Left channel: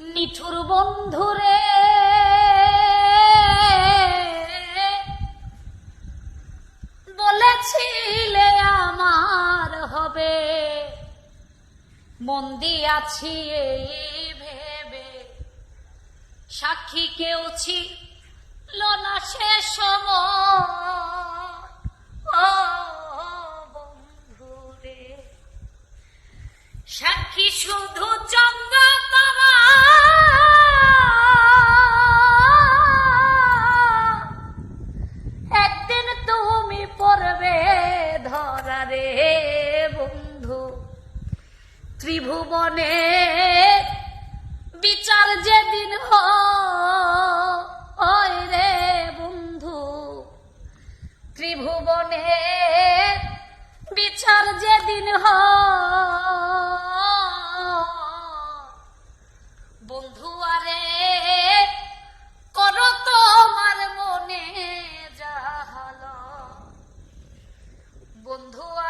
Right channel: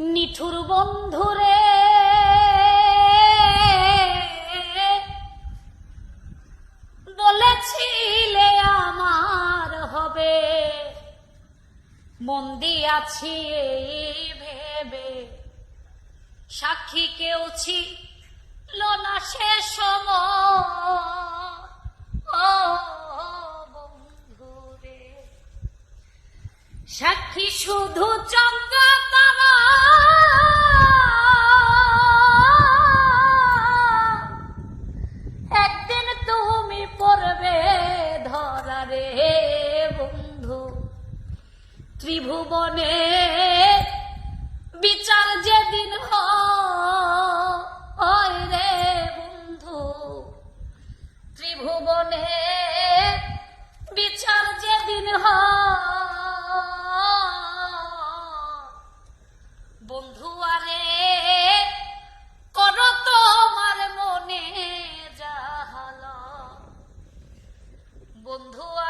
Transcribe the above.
নিঠুর বন্ধুরে। বলেছিলে আমার হবে মন্দি আছি ভেবে। সাক্ষী কেউ ছিল না সে সময়। ও সাক্ষী শুধু চন্দ্র পড়বে ধরা রে বন্ধু। ত্রিভুবনে বিচার যেদিন হয় রে বন্ধু। ত্রিভুবনে বিচার যেদিন হয়। বন্ধু আরে তোমার মনে যাহাল বন্ধু